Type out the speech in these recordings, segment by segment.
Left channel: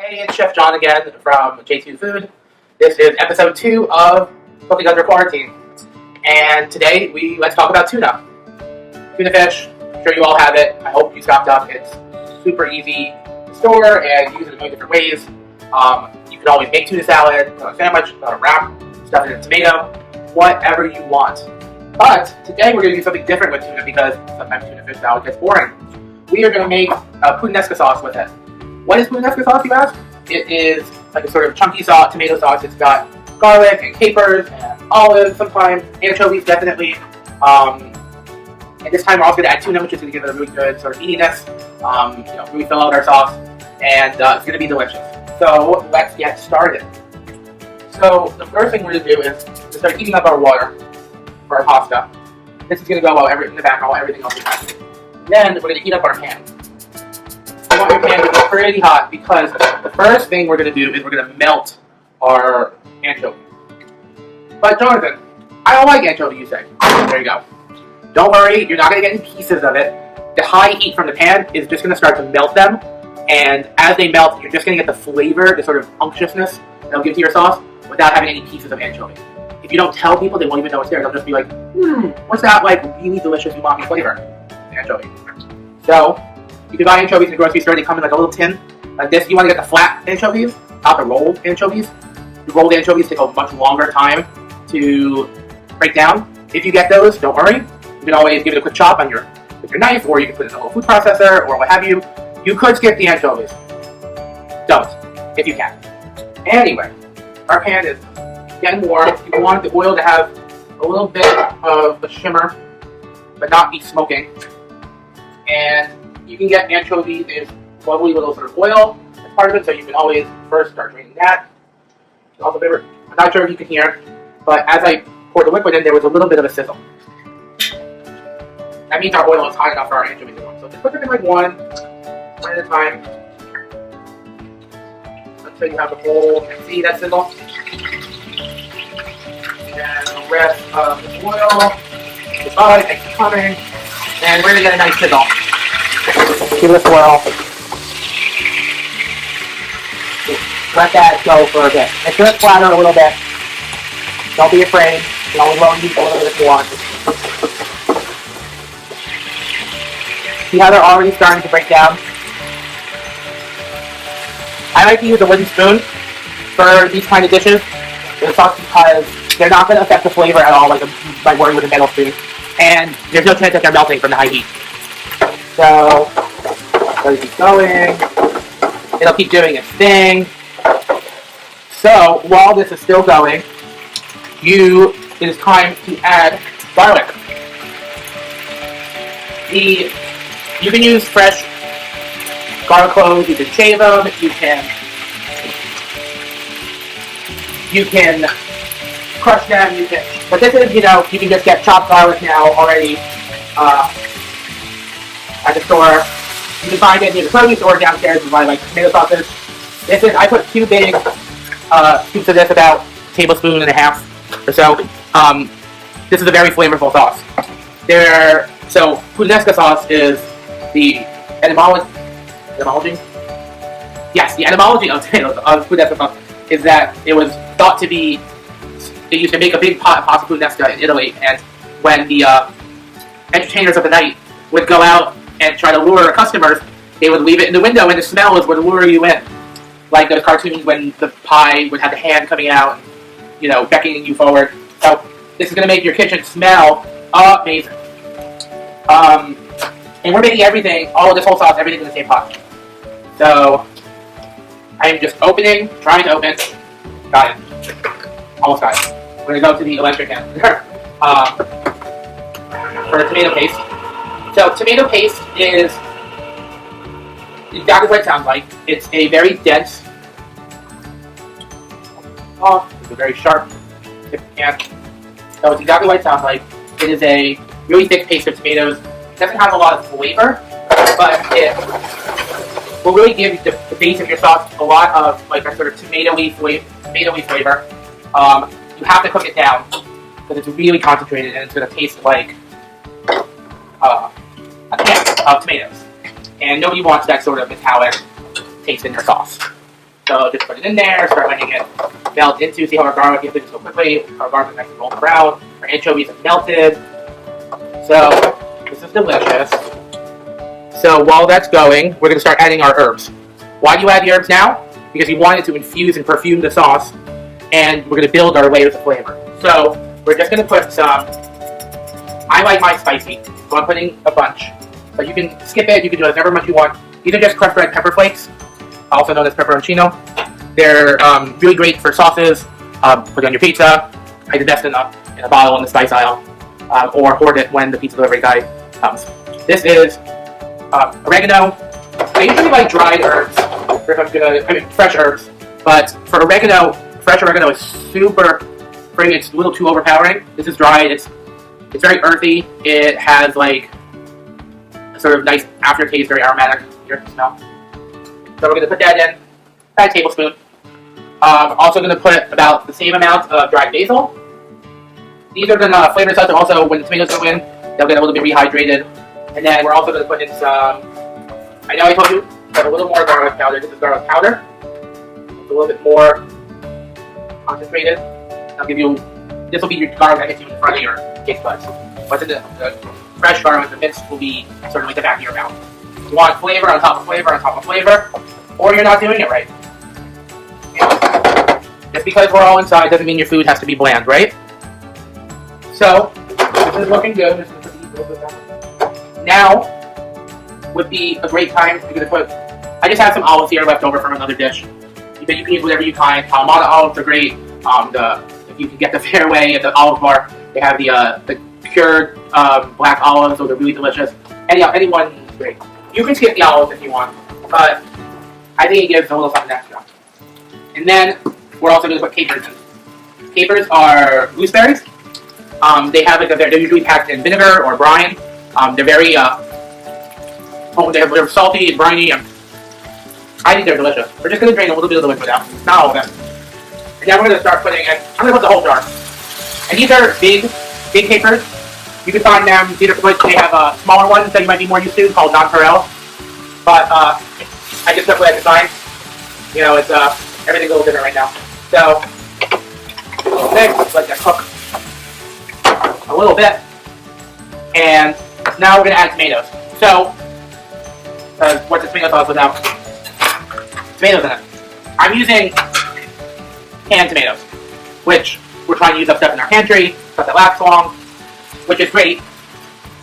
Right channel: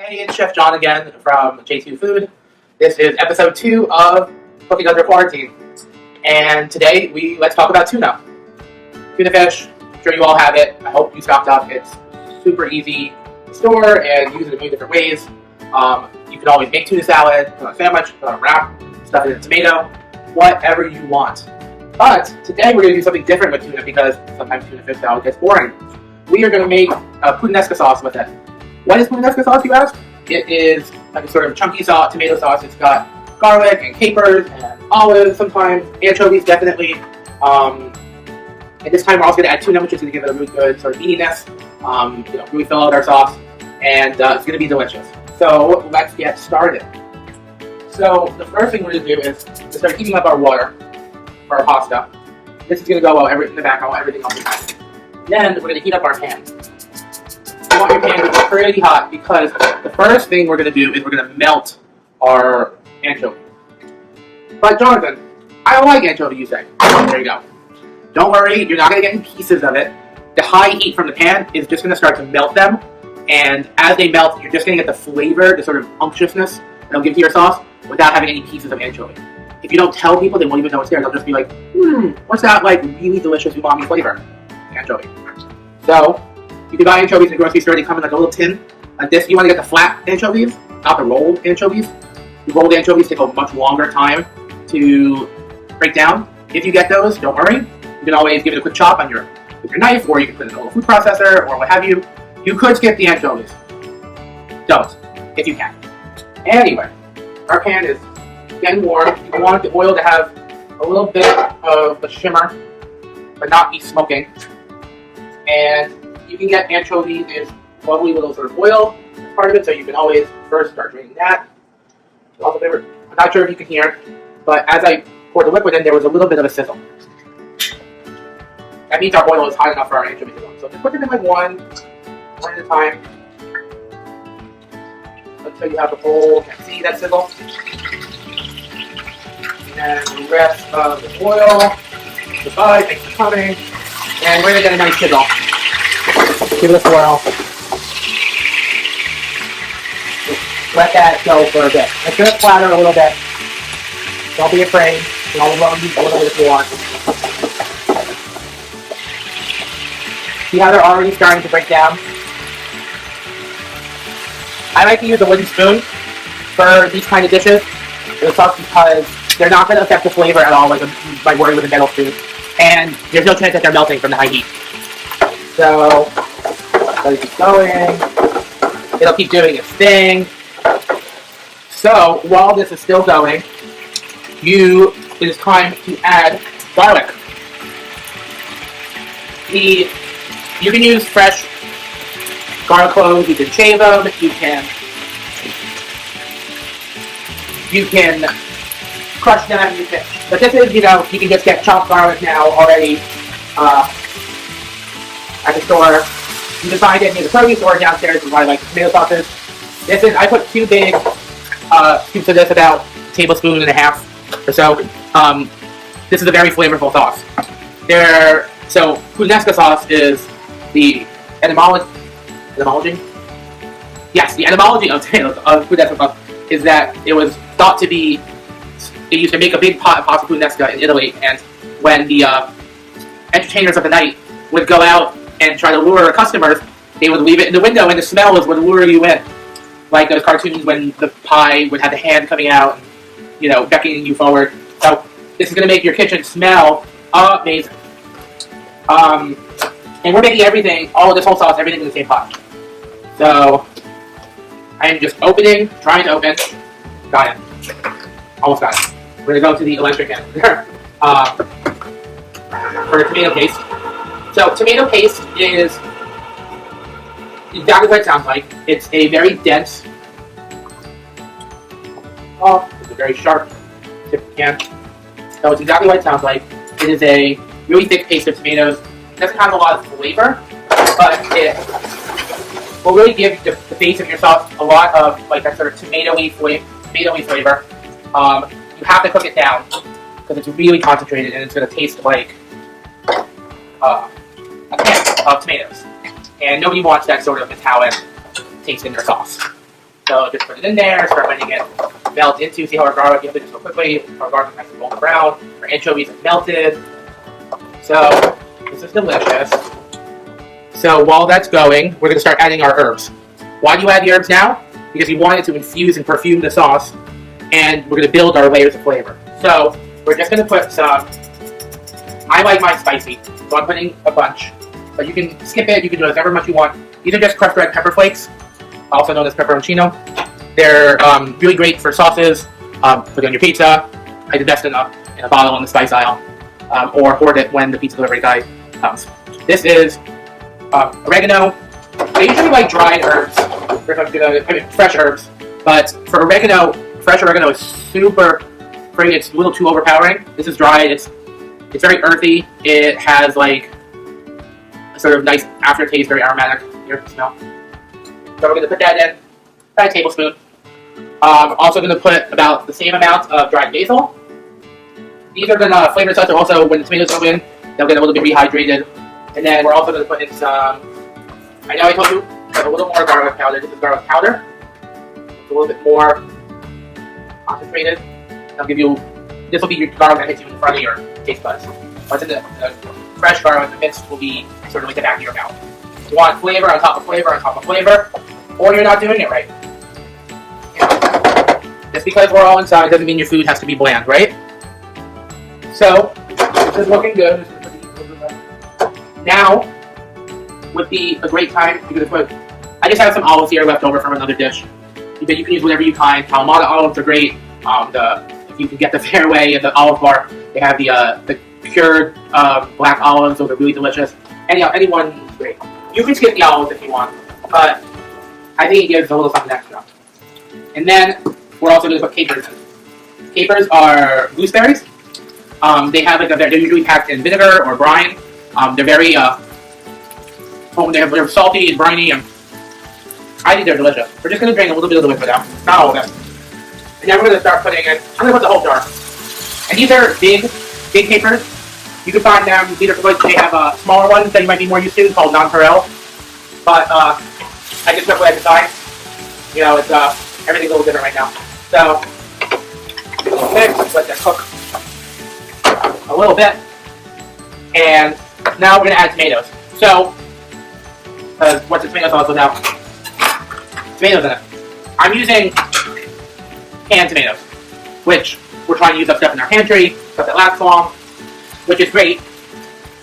Hey, it's Chef Jon again from J2Food. This is episode 2 of Cooking Under Quarantine. And today, let's talk about tuna. Tuna fish, I'm sure you all have it. I hope you stocked up. It's super easy to store and use it in many different ways. You can always make tuna salad, put on a sandwich, put on a wrap, stuff it in a tomato, whatever you want. But today we're going to do something different with tuna because sometimes tuna fish salad gets boring. We are going to make a puttanesca sauce with it. What is puttanesca sauce, you ask? It is like a sort of chunky sauce, tomato sauce. It's got garlic and capers and olives sometimes, anchovies definitely. And this time we're also going to add tuna, which is going to give it a really good sort of meatiness, really fill out our sauce. And it's going to be delicious. So let's get started. So the first thing we're going to do is to start heating up our water for our pasta. This is going to go in the background while everything else is happening. Then we're going to heat up our pan. You want your pan to be pretty hot because the first thing we're going to do is we're going to melt our anchovy. But Jonathan, I don't like anchovy, you say. There you go. Don't worry, you're not going to get any pieces of it. The high heat from the pan is just going to start to melt them. And as they melt, you're just going to get the flavor, the sort of unctuousness that it'll give to your sauce without having any pieces of anchovy. If you don't tell people, they won't even know it's there. They'll just be like, what's that like really delicious umami flavor? Anchovy. So, you can buy anchovies in the grocery store. They come in like a little tin like this. You want to get the flat anchovies, not the rolled anchovies. The rolled anchovies take a much longer time to break down. If you get those, don't worry. You can always give it a quick chop with your knife, or you can put it in a little food processor, or what have you. You could skip the anchovies. Don't, if you can. Anyway, our pan is getting warm. You want the oil to have a little bit of a shimmer, but not be smoking. And you can get anchovies in lovely little sort of oil as part of it, so you can always first start draining that. Also favorite. I'm not sure if you can hear, but as I poured the liquid in, there was a little bit of a sizzle. That means our oil is hot enough for our anchovies to warm. So just put them in like one at a time, until you have the whole. See that sizzle? And the rest of the oil, the bud, and coming, and we're gonna get a nice sizzle. Give it a swirl. Let that go for a bit. Let it splatter a little bit. Don't be afraid. You can always lower the oil if you want. See how they're already starting to break down? I like to use a wooden spoon for these kind of dishes. It's because they're not going to affect the flavor at all, like by working with a metal spoon. And there's no chance that they're melting from the high heat. So, let it keep going. It'll keep doing its thing. So, while this is still going, it is time to add garlic. You can use fresh garlic cloves. You can shave them. You can crush them. But this is, you can just get chopped garlic now already at the store. You can find it near the produce store downstairs and buy like tomato sauces. I put 2 big scoops of this, about a tablespoon and a half or so. This is a very flavorful sauce. So puttanesca sauce is the etymology? Yes, the etymology of puttanesca sauce is that it was thought to be, they used to make a big pot of pasta puttanesca in Italy, and when the entertainers of the night would go out and try to lure customers, they would leave it in the window, and the smell would lure you in. Like those cartoons when the pie would have the hand coming out and, beckoning you forward. So this is going to make your kitchen smell amazing. And we're making all of this whole sauce, everything in the same pot. So I'm just trying to open. Got it. Almost got it. We're going to go to the electric end. For the tomato paste. So tomato paste is exactly what it sounds like. It's a very dense, it's a very sharp tip can. So it's exactly what it sounds like. It is a really thick paste of tomatoes. It doesn't have a lot of flavor, but it will really give the base of your sauce a lot of like a sort of tomatoey flavor. You have to cook it down because it's really concentrated and it's going to taste like a can of tomatoes. And nobody wants that sort of metallic taste in their sauce. So just put it in there, start letting it melt into. See how our garlic gets so quickly. Our garlic is nice and golden brown. Our anchovies have melted. So this is delicious. So while that's going, we're going to start adding our herbs. Why do you add the herbs now? Because you want it to infuse and perfume the sauce, and we're going to build our layers of flavor. So we're just going to put some. I like mine spicy, so I'm putting a bunch. But you can skip it. You can do it however much you want. These are just crushed red pepper flakes, also known as pepperoncino. They're really great for sauces. Put it on your pizza. Hide the best in a bottle in the spice aisle, or hoard it when the pizza delivery guy comes. This is oregano. I usually like dried herbs, fresh herbs. But for oregano, fresh oregano is super pretty. It's a little too overpowering. This is dried. It's very earthy. It has like a sort of nice aftertaste, very aromatic. Here, smell. So we're going to put that in, about a tablespoon. Also going to put about the same amount of dried basil. These are going to flavor the sauce. Also, when the tomatoes go in, they'll get a little bit rehydrated. And then we're also going to put in some, I know I told you, a little more garlic powder. This is garlic powder. It's a little bit more concentrated. I'll give you, this will be your garlic that hits you in front of your taste buds. What's in the fresh garlic, the mix will be sort of like the back of your mouth. You want flavor on top of flavor on top of flavor, or you're not doing it right. Just because we're all inside doesn't mean your food has to be bland, right? So, this is looking good. Now would be a great time. You're gonna put. I just have some olives here left over from another dish. You can use whatever you find. Kalamata olives are great. If you can get the Fairway at the olive bar, they have the cured black olives. Those are really delicious. Anyone great. You can skip the olives if you want, but I think it gives a little something extra. And then we're also going to put capers in. Capers are gooseberries. They're usually packed in vinegar or brine. They're very they're salty and briny, and I think they're delicious. We're just going to drain a little bit of the liquid out, not all of it. And then we're going to start putting in. I'm going to put the whole jar. And these are big capers. You can find them either they have smaller ones that you might be more used to called nonpareil. But I just took what I could find. You know, it's everything's a little different right now. So we'll mix, let that cook a little bit, and now we're gonna add tomatoes. So what's the tomato sauce without tomatoes in it? I'm using canned tomatoes, which we're trying to use up stuff in our pantry, stuff that lasts long, which is great.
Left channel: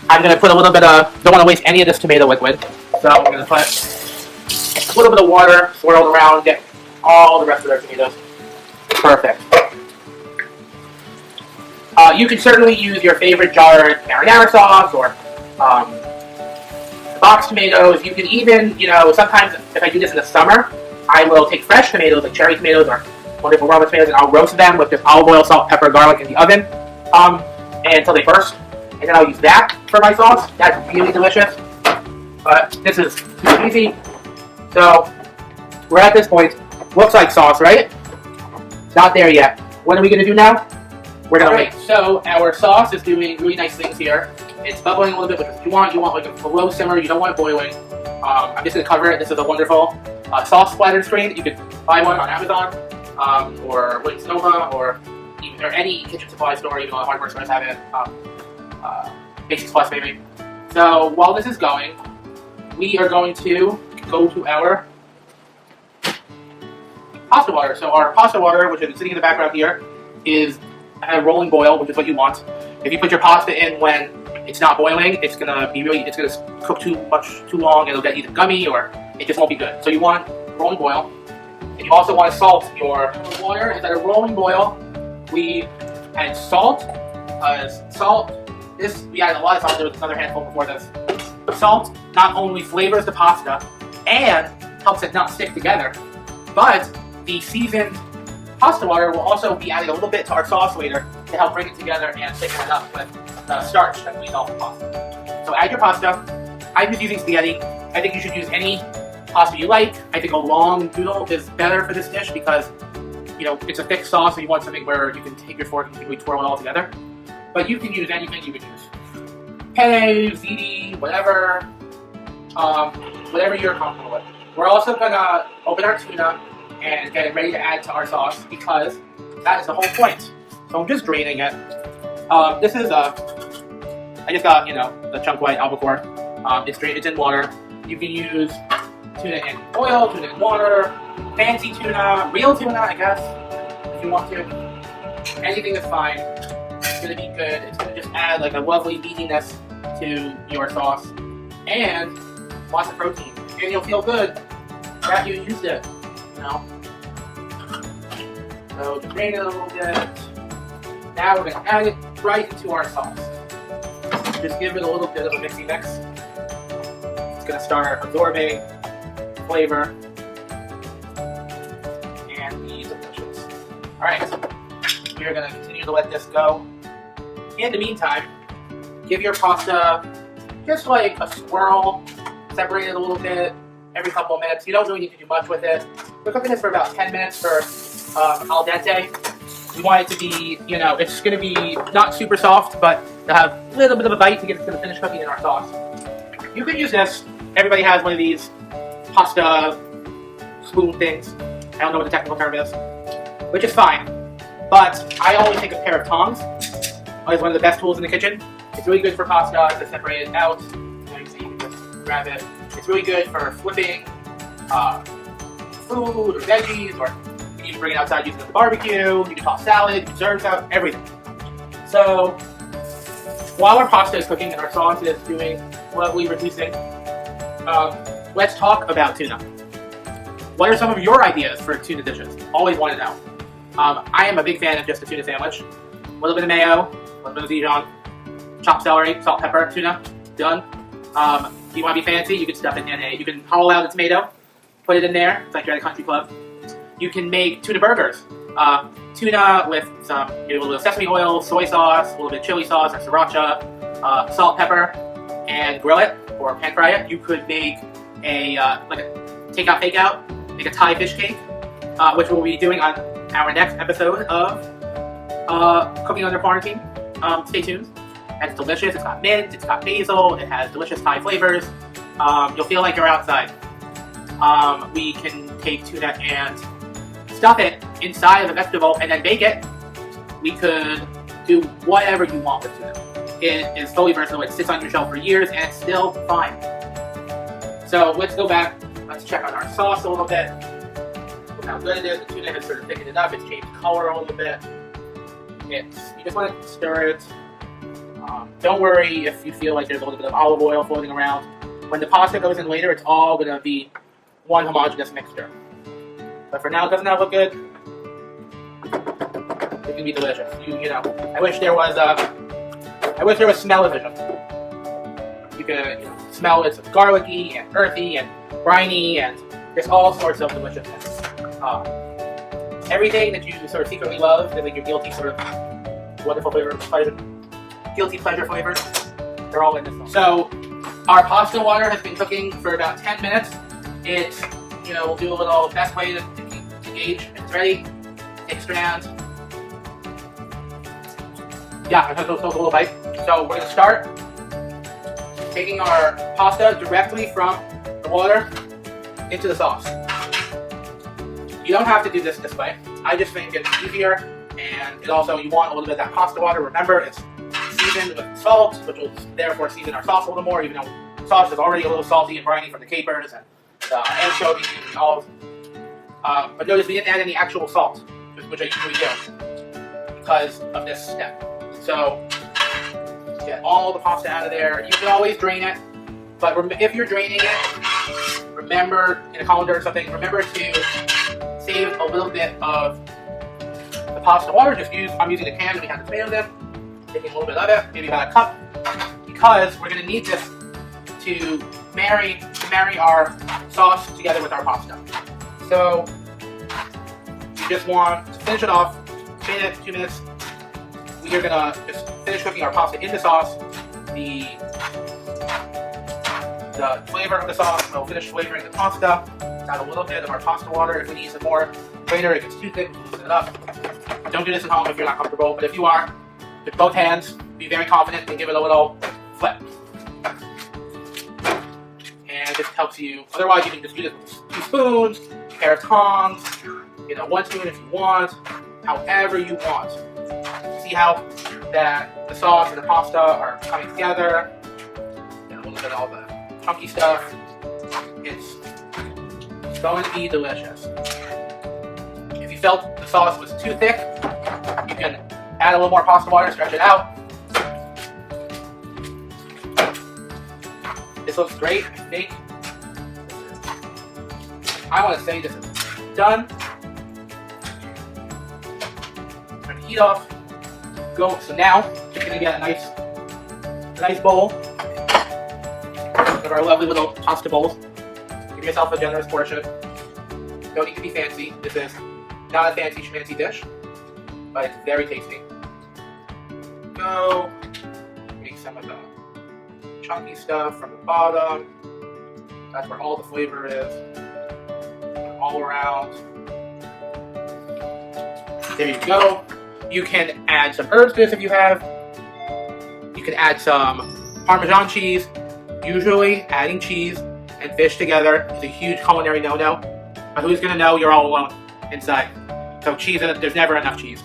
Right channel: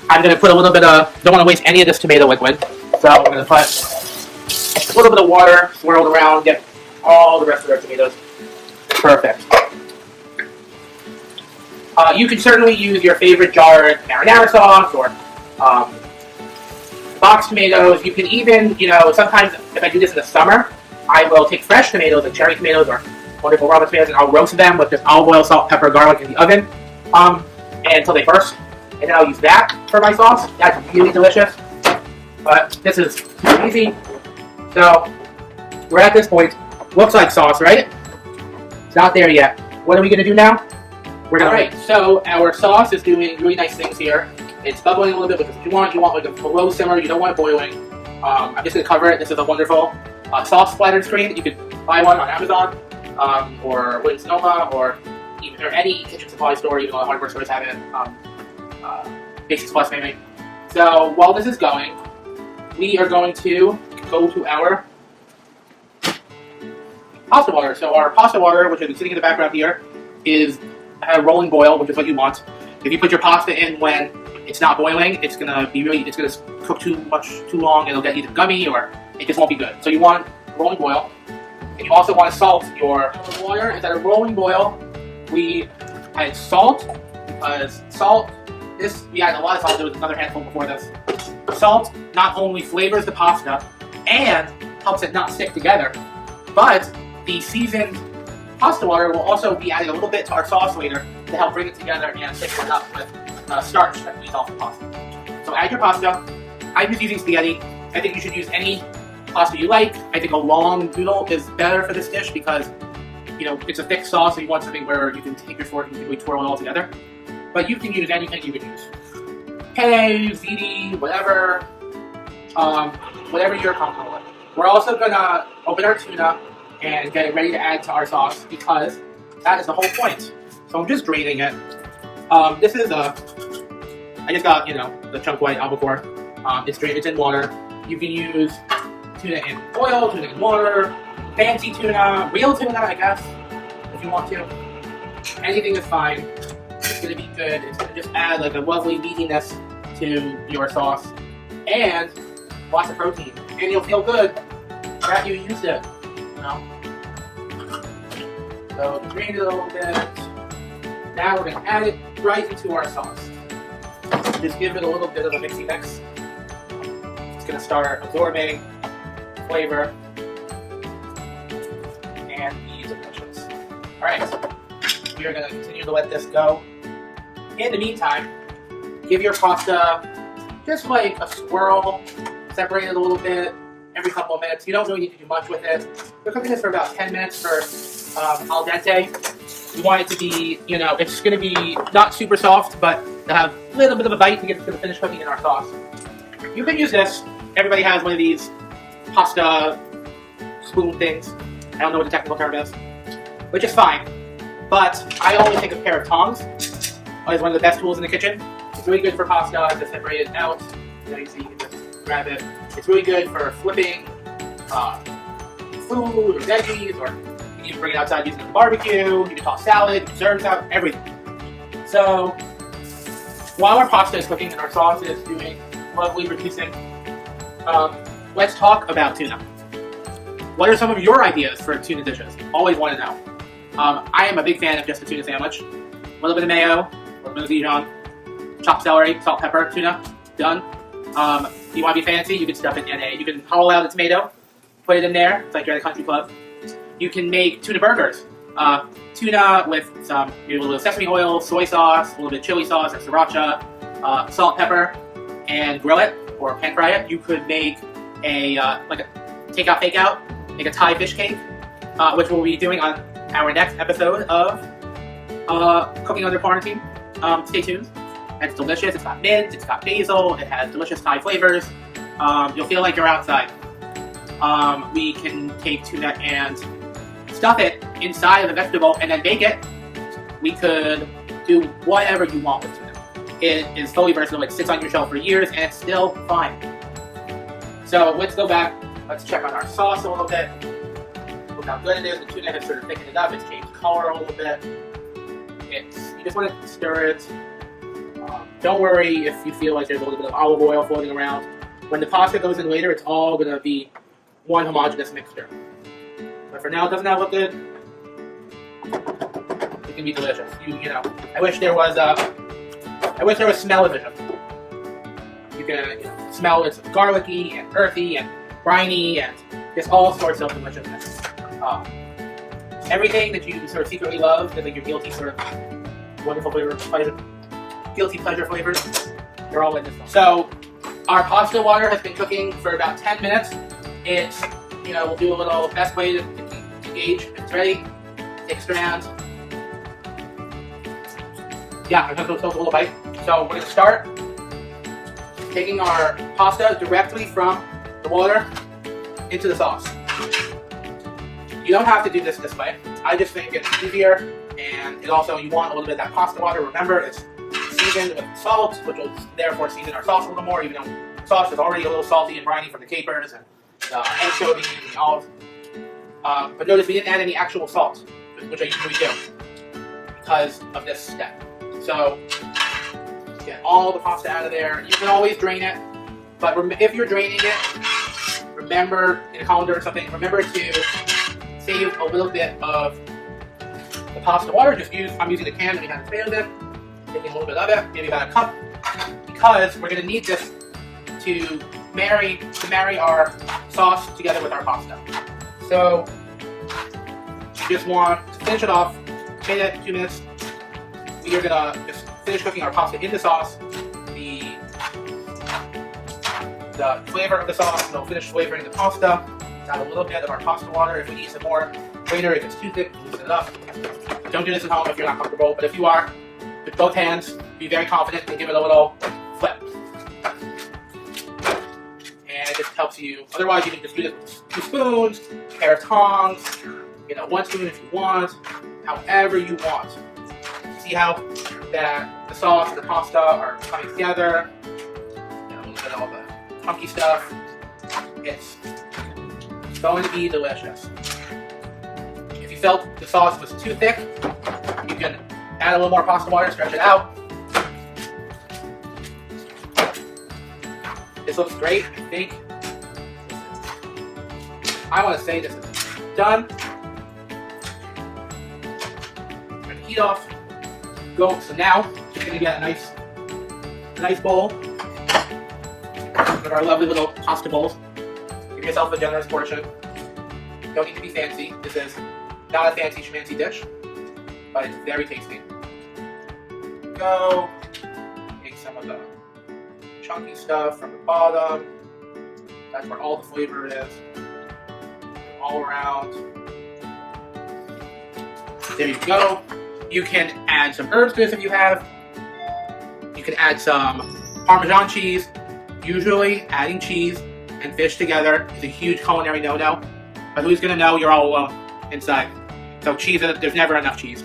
I'm going to put a little bit of, don't want to waste any of this tomato liquid, so I'm going to put a little bit of water swirled around, get all the rest of our tomatoes. Perfect. You can certainly use your favorite jarred marinara sauce or box tomatoes. You can even, sometimes if I do this in the summer, I will take fresh tomatoes, like cherry tomatoes or wonderful raw tomatoes, and I'll roast them with just olive oil, salt, pepper, garlic in the oven until they burst. And then I'll use that for my sauce. That's really delicious. But this is super easy. So we're at this point. Looks like sauce, right? It's not there yet. What are we going to do now? We're going to Alright, so our sauce is doing really nice things here. It's bubbling a little bit, but if you want like a low simmer. You don't want it boiling. I'm just going to cover it. This is a wonderful sauce splatter screen. You could buy one on Amazon or Williams Sonoma or any kitchen supply store. Even though hardware stores have it. Basics Plus maybe. So while this is going, we are going to go to our pasta water. So our pasta water, which is sitting in the background here, is at a rolling boil, which is what you want. If you put your pasta in when it's not boiling, it's gonna cook too long, and it'll get either gummy or it just won't be good. So you want rolling boil, and you also want to salt your water. Is at a rolling boil. We add salt because salt. We added a lot of salt. There was another handful before this. Salt not only flavors the pasta and helps it not stick together, but the seasoned pasta water will also be adding a little bit to our sauce later to help bring it together and thicken it up with the starch that we use off the pasta. So add your pasta. I'm just using spaghetti. I think you should use any pasta you like. I think a long noodle is better for this dish because it's a thick sauce, and you want something where you can take your fork and really twirl it all together. But you can use anything you could use. Penne, ziti, whatever you're comfortable with. We're also gonna open our tuna, and get it ready to add to our sauce because that is the whole point. So I'm just draining it. This is I just got, the chunk white albacore. It's in water. You can use tuna in oil, tuna in water, fancy tuna, real tuna, I guess, if you want to. Anything is fine. It's gonna be good. It's gonna just add like a lovely meatiness to your sauce and lots of protein. And you'll feel good that you used it, So drain it a little bit. Now we're gonna add it right into our sauce. Just give it a little bit of a mixy mix. It's gonna start absorbing flavor and be delicious. Alright, we're gonna continue to let this go. In the meantime, give your pasta just like a swirl, separate it a little bit every couple of minutes. You don't really need to do much with it. We're cooking this for about 10 minutes for al dente. You want it to be, it's going to be not super soft, but it'll have a little bit of a bite to get it to the finished cooking in our sauce. You can use this. Everybody has one of these pasta spoon things. I don't know what the technical term is, which is fine. But I always take a pair of tongs. Always one of the best tools in the kitchen. It's really good for pasta to separate it out. You can just grab it. It's really good for flipping food or veggies, or you can bring it outside using it for barbecue. You can toss salad, you can serve salad, everything. So while our pasta is cooking and our sauce is doing lovely reducing, let's talk about tuna. What are some of your ideas for tuna dishes? Always want to know. I am a big fan of just a tuna sandwich. A little bit of mayo, a little bit of Dijon, chopped celery, salt, pepper, tuna, done. If you want to be fancy, you can stuff it in you can hollow out a tomato, put it in there. It's like you're at a country club. You can make tuna burgers. Tuna with maybe a little sesame oil, soy sauce, a little bit of chili sauce or sriracha, salt, pepper, and grill it or pan fry it. You could make a takeout fake out, make a Thai fish cake, which we'll be doing on our next episode of Cooking Under Quarantine. Stay tuned. It's delicious. It's got mint, it's got basil, it has delicious Thai flavors. You'll feel like you're outside. We can take tuna and stuff it inside of a vegetable and then bake it. We could do whatever you want with tuna. It is fully versatile. It sits on your shelf for years and it's still fine. So let's go back. Let's check on our sauce a little bit. Look how good it is. The tuna has sort of thickened it up. It's changed color a little bit. You just want to stir it. Don't worry if you feel like there's a little bit of olive oil floating around. When the pasta goes in later, it's all going to be one homogeneous mixture. But for now, doesn't that look good? It can be delicious. I wish there was smell-o-vision. You can smell it's garlicky and earthy and briny and just all sorts of deliciousness. Everything that you sort of secretly love, like your guilty sort of wonderful flavor, guilty pleasure flavors, they're all in this one. So our pasta water has been cooking for about 10 minutes. It's, we'll do a little best way to gauge if it's ready. Take a strand. Yeah, I'm going to take a little bite. So we're going to start taking our pasta directly from the water into the sauce. You don't have to do this way. I just think it's easier, and it also, you want a little bit of that pasta water. Remember, it's seasoned with salt, which will therefore season our sauce a little more, even though the sauce is already a little salty and briny from the capers and the anchovies and olives. But notice we didn't add any actual salt, which I usually do, because of this step. So, get all the pasta out of there. You can always drain it, but if you're draining it, remember, in a colander or something, remember to save a little bit of the pasta water. I'm using a can that we had the tomatoes in. Taking a little bit of it, maybe about a cup, because we're going to need this to marry our sauce together with our pasta. So you just want to finish it off, 2 minutes. We are going to just finish cooking our pasta in the sauce. The flavor of the sauce will finish flavoring the pasta. Add a little bit of our pasta water. If we need some more later, it gets too thick, loosen it up. Don't do this at home if you're not comfortable, but if you are, with both hands, be very confident and give it a little flip. And it just helps you. Otherwise, you can just do this with 2 spoons, a pair of tongs, 1 spoon if you want, however you want. See how that the sauce and the pasta are coming together? Look at all the chunky stuff. It's going to be delicious. If you felt the sauce was too thick, you can add a little more pasta water, stretch it out. This looks great. I think I want to say this is done. Turn the heat off. Go. So now you're going to get a nice bowl. With our lovely little pasta bowls. Give yourself a generous portion. Don't need to be fancy. This is not a fancy schmancy dish, but it's very tasty. Go. Take some of the chunky stuff from the bottom. That's where all the flavor is. All around. There you go. You can add some herbs to this if you have. You can add some Parmesan cheese. Usually, adding cheese and fish together is a huge culinary no-no. But who's gonna know you're all alone inside? So cheese, there's never enough cheese.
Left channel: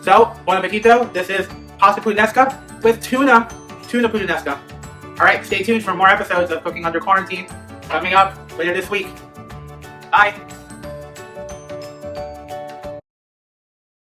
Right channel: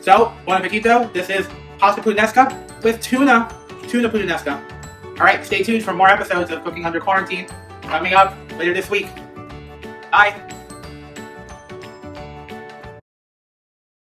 So, buon appetito. This is pasta puttanesca with tuna puttanesca. Alright, stay tuned for more episodes of Cooking Under Quarantine coming up later this week. Bye!